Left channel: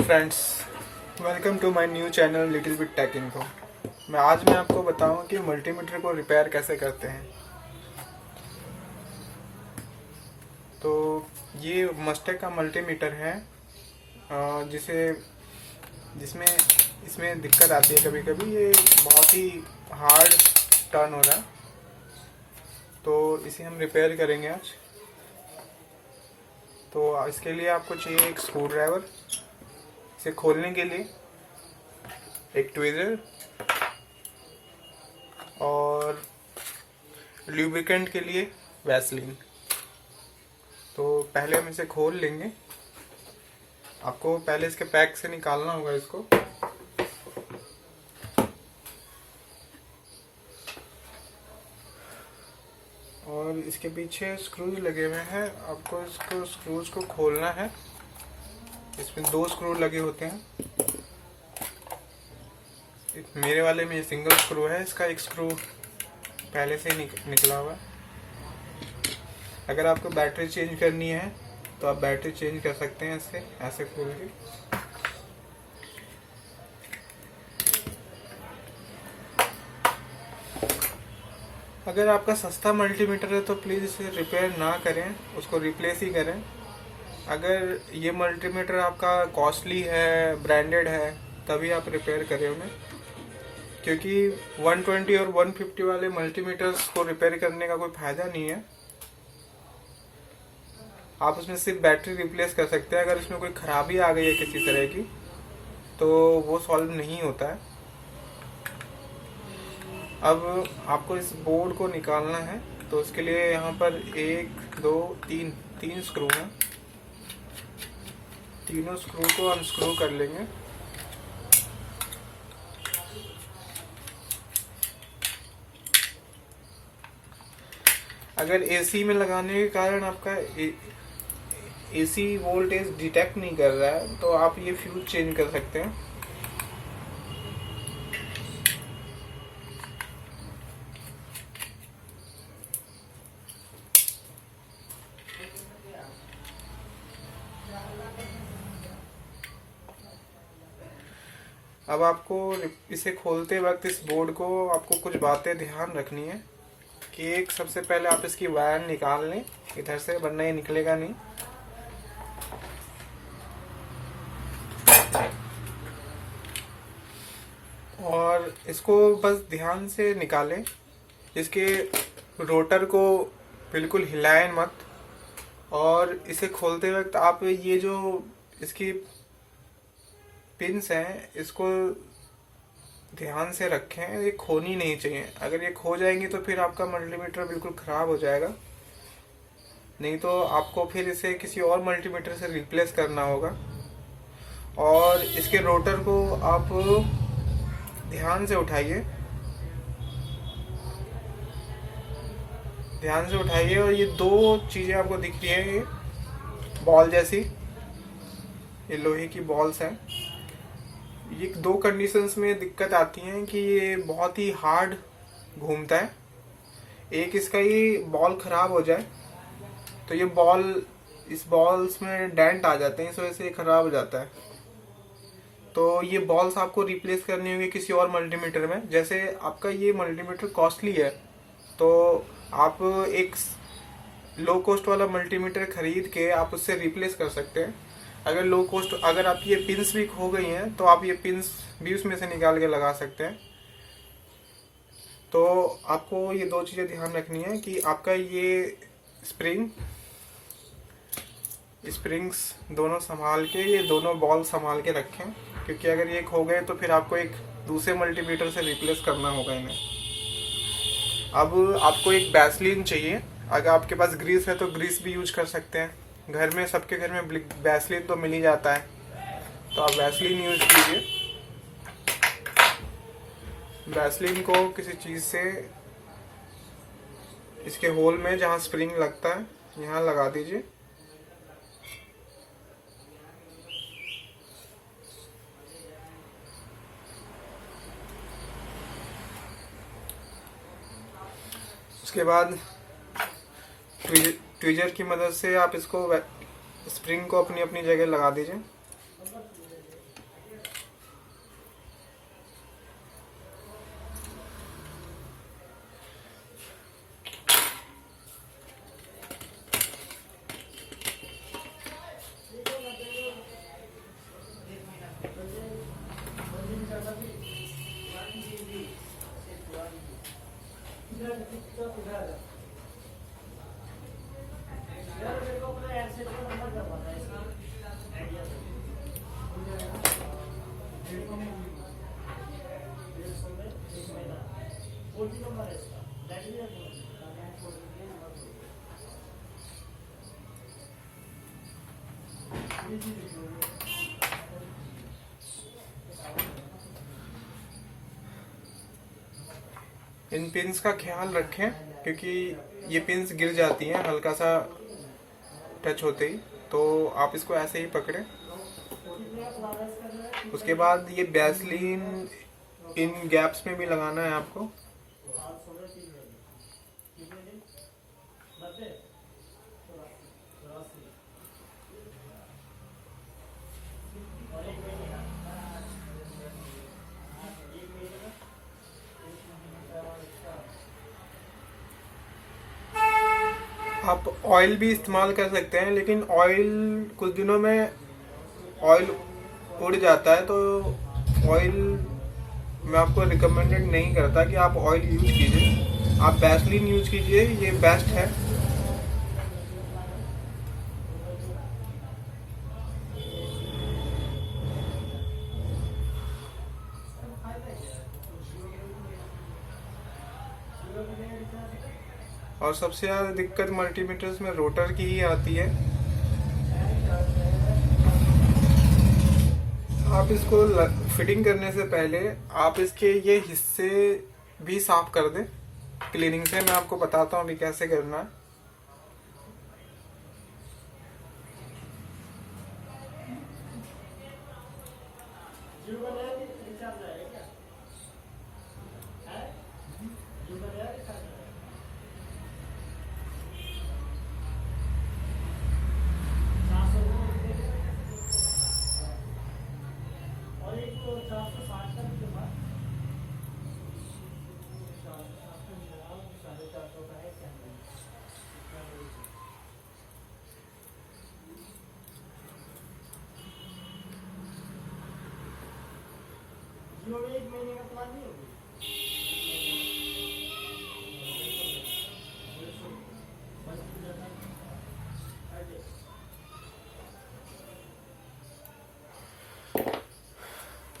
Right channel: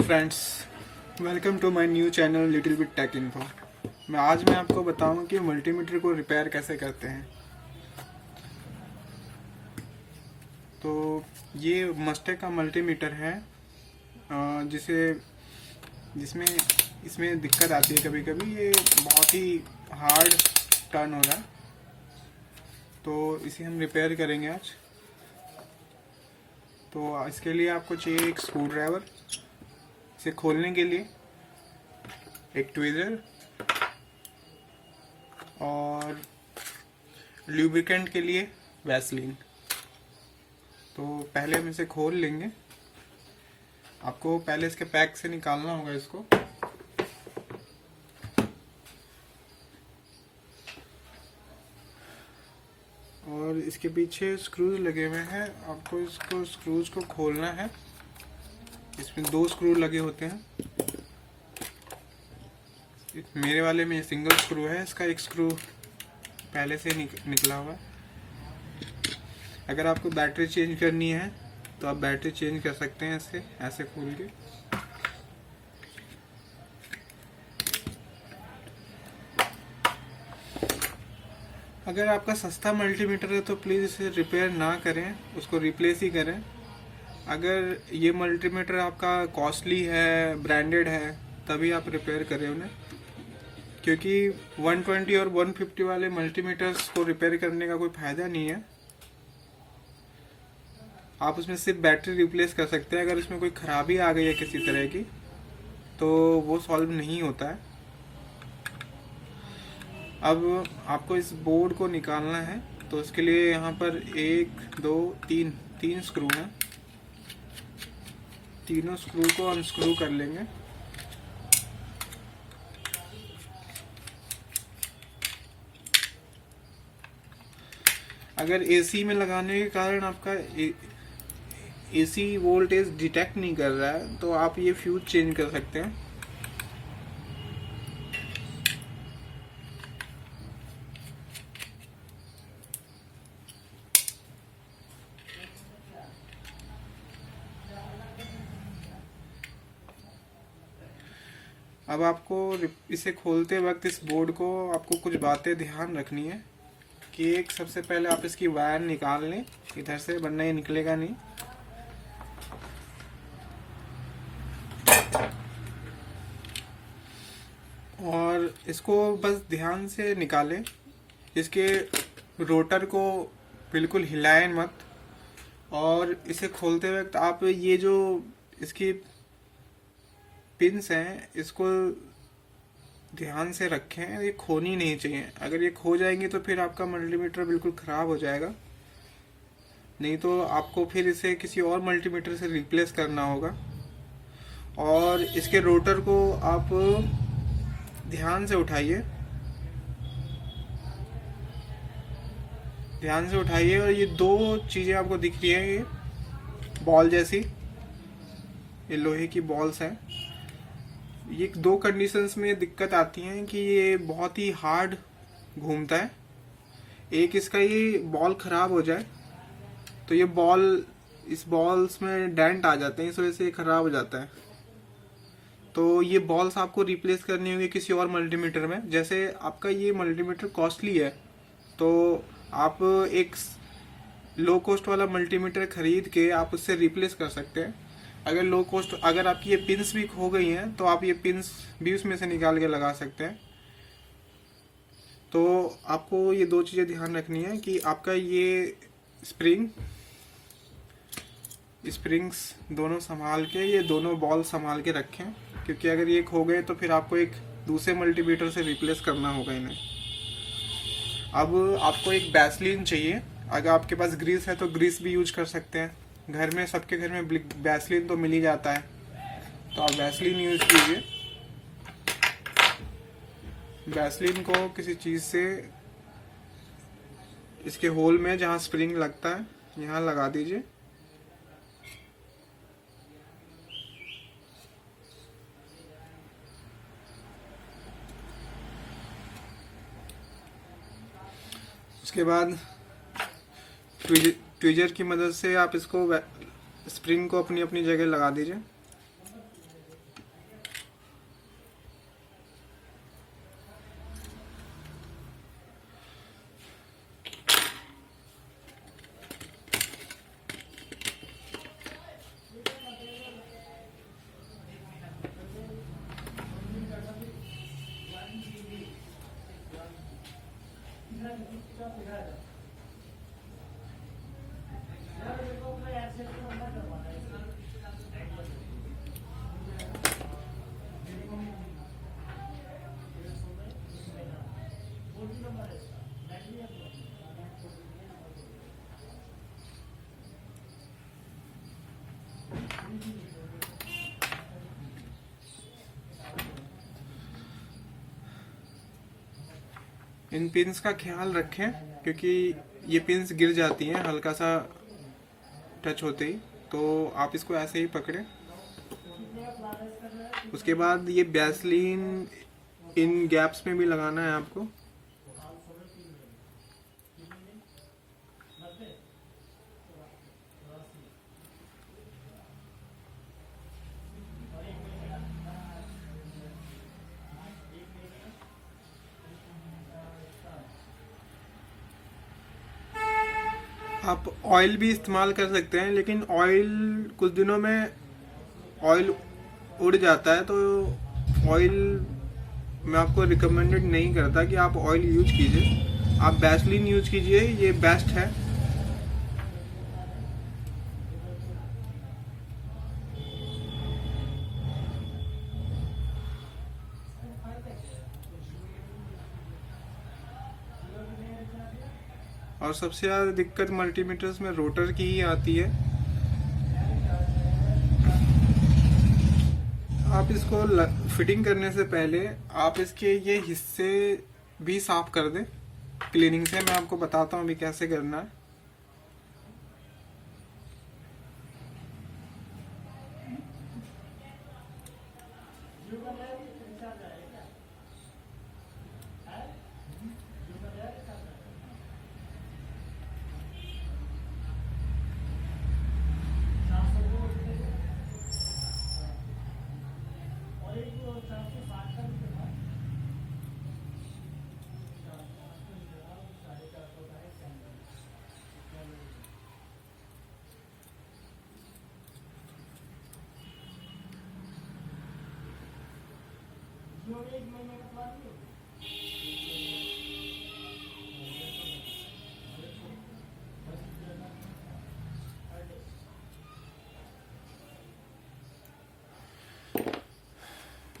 Friends, welcome to my new channel little bit tech info. आज मैं आपको बताऊं कि मल्टीमीटर को रिपेयर कैसे करते हैं। तो ये मस्टेक का मल्टीमीटर है जिसे जिसमें इसमें दिक्कत आती है। कभी कभी ये बहुत ही हार्ड टर्न हो रहा है, तो इसे हम रिपेयर करेंगे आज। तो इसके लिए आपको चाहिए एक स्क्रू ड्राइवर, इसे खोलने के लिए एक ट्विजर और ल्यूब्रिकेंट के लिए वैसलीन। तो पहले हम इसे खोल लेंगे। आपको पहले इसके पैक से निकालना होगा इसको। और इसके पीछे स्क्रूज लगे हुए हैं, आपको इसको स्क्रूज को खोलना है। इसमें 2 स्क्रू लगे होते हैं। मेरे वाले में सिंगल स्क्रू है, इसका एक स्क्रू पहले से निकला हुआ है। अगर आपको बैटरी चेंज करनी है तो आप बैटरी चेंज कर सकते हैं इससे ऐसे खोल के। अगर आपका सस्ता मल्टीमीटर है तो प्लीज़ इसे रिपेयर ना करें, उसको रिप्लेस ही करें। अगर ये मल्टीमीटर आपका कॉस्टली है, ब्रांडेड है, तभी आप रिपेयर करें उन्हें, क्योंकि 120 और 150 वाले मल्टीमीटर्स को रिपेयर करने का कोई फायदा नहीं है। आप उसमें सिर्फ बैटरी रिप्लेस कर सकते हैं। अगर इसमें कोई खराबी आ गई है किसी तरह की तो वो सॉल्व नहीं होता है। अब आपको इस बोर्ड को निकालना है, तो उसके लिए यहाँ पर 1 2 3 स्क्रू हैं। तीनों स्क्रू को अनस्क्रू कर लेंगे। अगर एसी में लगाने के कारण आपका एसी वोल्टेज डिटेक्ट नहीं कर रहा है तो आप ये फ्यूज चेंज कर सकते हैं। अब आपको इसे खोलते वक्त इस बोर्ड को आपको कुछ बातें ध्यान रखनी है कि एक सबसे पहले आप इसकी वायर निकाल लें इधर से, वरना ये निकलेगा नहीं। और इसको बस ध्यान से निकालें। इसके रोटर को बिल्कुल हिलाएं मत। और इसे खोलते वक्त आप ये जो इसकी पिंस हैं इसको ध्यान से रखें, ये खोनी नहीं चाहिए। अगर ये खो जाएंगी तो फिर आपका मल्टीमीटर बिल्कुल खराब हो जाएगा। नहीं तो आपको फिर इसे किसी और मल्टीमीटर से रिप्लेस करना होगा। और इसके रोटर को आप ध्यान से उठाइए, और ये 2 चीजें आपको दिख रही है बॉल जैसी, ये लोहे की बॉल्स हैं। ये 2 कंडीशंस में दिक्कत आती है कि ये बहुत ही हार्ड घूमता है। एक इसका ये बॉल खराब हो जाए तो ये इस बॉल्स में डेंट आ जाते हैं, इस वजह से ये खराब हो जाता है। तो ये बॉल्स आपको रिप्लेस करनी होगी किसी और मल्टीमीटर में। जैसे आपका ये मल्टीमीटर कॉस्टली है तो आप एक लो कॉस्ट वाला मल्टीमीटर खरीद के आप उससे रिप्लेस कर सकते हैं। अगर आपकी ये पिंस भी खो गई हैं तो आप ये पिंस भी उसमें से निकाल के लगा सकते हैं। तो आपको ये 2 चीजें ध्यान रखनी है कि आपका ये स्प्रिंग्स दोनों संभाल के, ये दोनों बॉल संभाल के रखें, क्योंकि अगर ये खो गए तो फिर आपको एक दूसरे मल्टीमीटर से रिप्लेस करना होगा इन्हें। अब आपको एक वैसलीन चाहिए। अगर आपके पास ग्रीस है तो ग्रीस भी यूज कर सकते हैं। घर में, सबके घर में वैसलीन तो मिल ही जाता है, तो आप वैसलीन यूज कीजिए। वैसलीन को किसी चीज से इसके होल में जहां स्प्रिंग लगता है यहाँ लगा दीजिए। उसके बाद ट्विजर की मदद से आप इसको स्प्रिंग को अपनी अपनी जगह लगा दीजिए। इन पिंस का ख्याल रखें क्योंकि ये पिंस गिर जाती हैं हल्का सा टच होते ही, तो आप इसको ऐसे ही पकड़ें। उसके बाद ये वैसलीन इन गैप्स में भी लगाना है आपको। आप ऑयल भी इस्तेमाल कर सकते हैं, लेकिन ऑयल कुछ दिनों में ऑयल उड़ जाता है, तो ऑयल मैं आपको रिकमेंडेड नहीं करता कि आप ऑयल यूज कीजिए। आप वैसलीन यूज कीजिए, ये बेस्ट है। और सबसे ज़्यादा दिक्कत मल्टीमीटर्स में रोटर की ही आती है। आप इसको फिटिंग करने से पहले आप इसके ये हिस्से भी साफ कर दें क्लीनिंग से। मैं आपको बताता हूँ अभी कैसे करना है।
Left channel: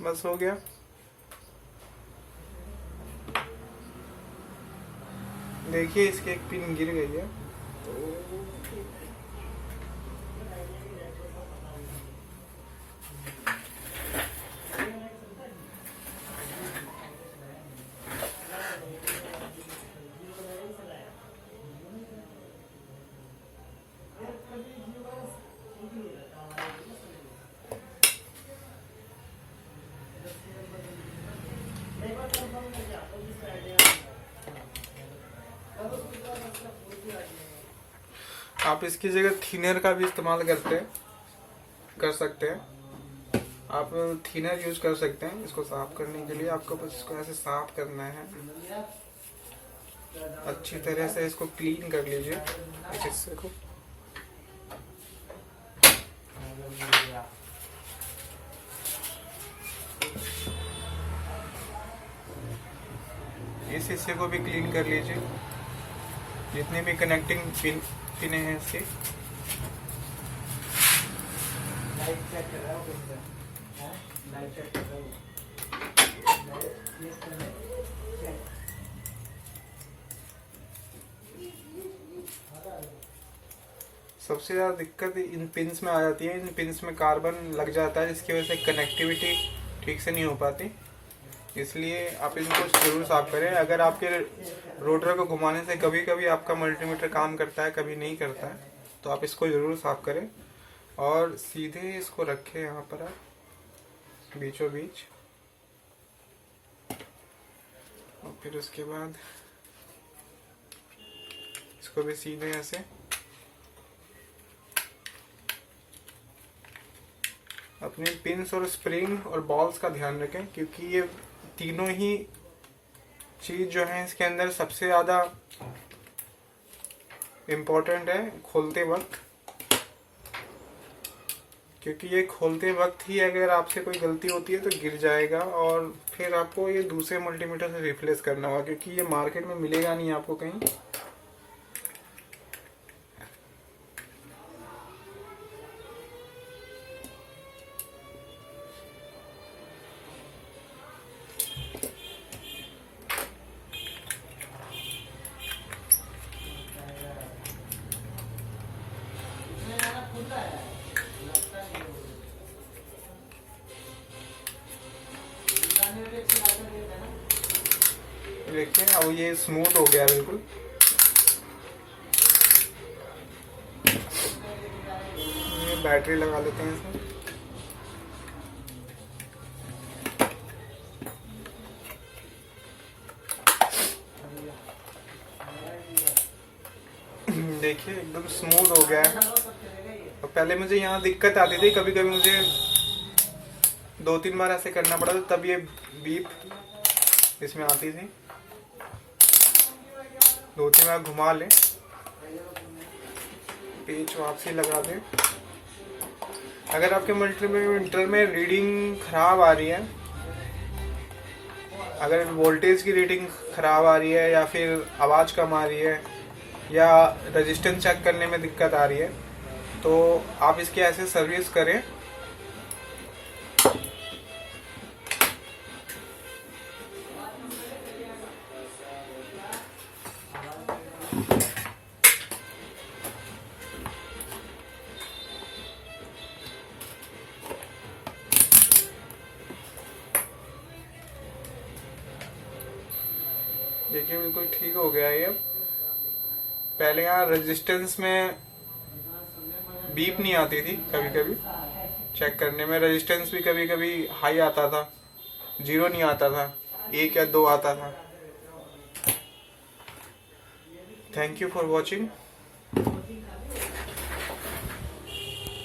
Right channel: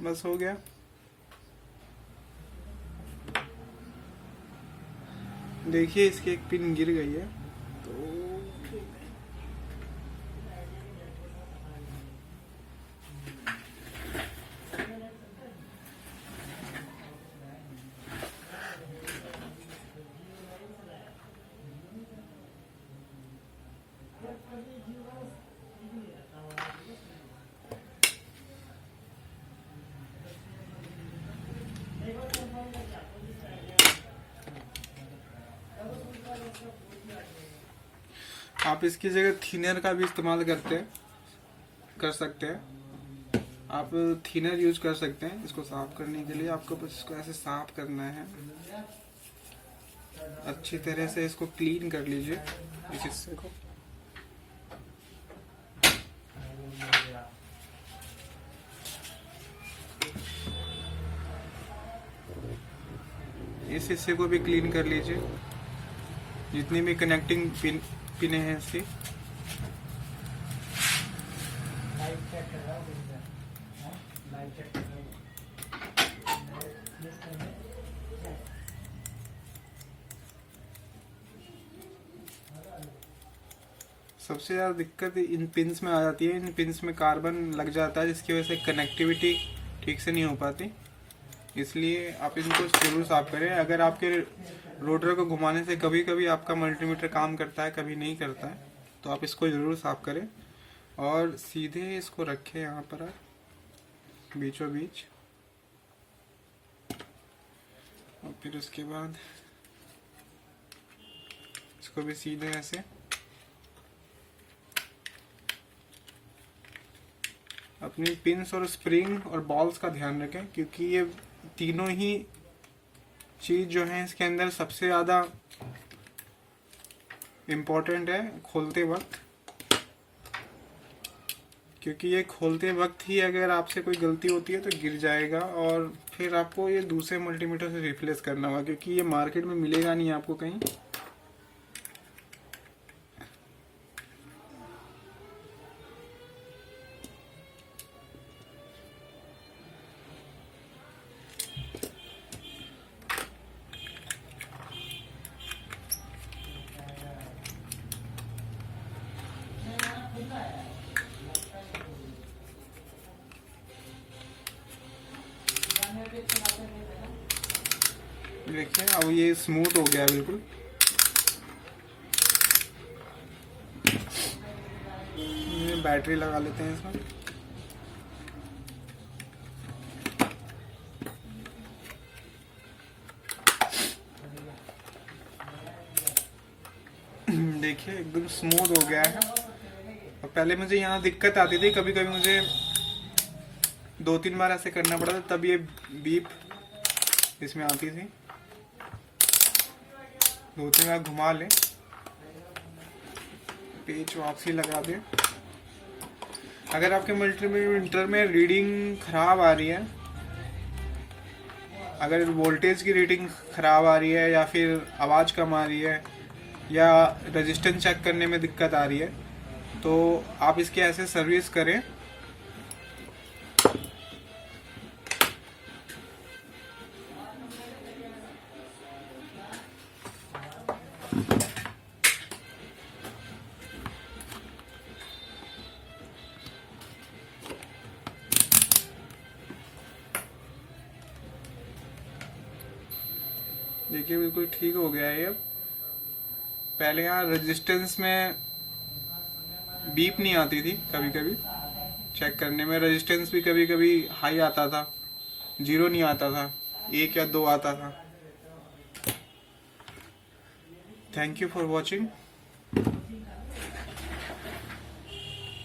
बस हो गया। देखिए इसकी एक पिन गिर गई है, तो आप इसकी जगह थिनर का भी इस्तेमाल कर सकते हैं। आप थिनर यूज कर सकते हैं इसको साफ करने के लिए। आपको बस इसको ऐसे साफ करना है, अच्छी तरह से इसको क्लीन कर लीजिए इस हिस्से को। इस हिस्से को भी क्लीन कर लीजिए, जितनी भी कनेक्टिंग पिन हैं इसके। सबसे ज़्यादा दिक्कत इन पिंस में आ जाती है। इन पिंस में कार्बन लग जाता है, जिसकी वजह से कनेक्टिविटी ठीक से नहीं हो पाती। इसलिए आप इनको जरूर साफ करें। अगर आपके रोटर को घुमाने से कभी कभी आपका मल्टीमीटर काम करता है, कभी नहीं करता है, तो आप इसको जरूर साफ करें। और सीधे इसको रखें यहाँ पर आप बीचों बीच, और फिर उसके बाद इसको भी सीधे ऐसे। अपनी पिंस और स्प्रिंग और बॉल्स का ध्यान रखें, क्योंकि ये तीनों ही चीज जो है इसके अंदर सबसे ज्यादा इम्पोर्टेंट है खोलते वक्त। क्योंकि ये खोलते वक्त ही अगर आपसे कोई गलती होती है तो गिर जाएगा, और फिर आपको ये दूसरे मल्टीमीटर से रिप्लेस करना होगा, क्योंकि ये मार्केट में मिलेगा नहीं आपको कहीं। देखिए अब ये स्मूथ हो गया है बिल्कुल। ये बैटरी लगा लेते हैं इसमें। देखिए एकदम स्मूथ हो गया है। तो पहले मुझे यहाँ दिक्कत आती थी, कभी कभी मुझे 2-3 बार ऐसे करना पड़ा था तब ये बीप इसमें आती थी। 2-3 बार घुमा लें, पेच वापसी लगा दें। अगर आपके मल्टीमीटर में रीडिंग खराब आ रही है, अगर वोल्टेज की रीडिंग खराब आ रही है या फिर आवाज़ कम आ रही है या रेजिस्टेंस चेक करने में दिक्कत आ रही है, तो आप इसकी ऐसे सर्विस करें। देखिए बिल्कुल ठीक हो गया है ये। पहले यहाँ रेजिस्टेंस में बीप नहीं आती थी, कभी कभी चेक करने में रेजिस्टेंस भी कभी कभी हाई आता था, 0 नहीं आता था, 1 या 2 आता था। Thank you for watching.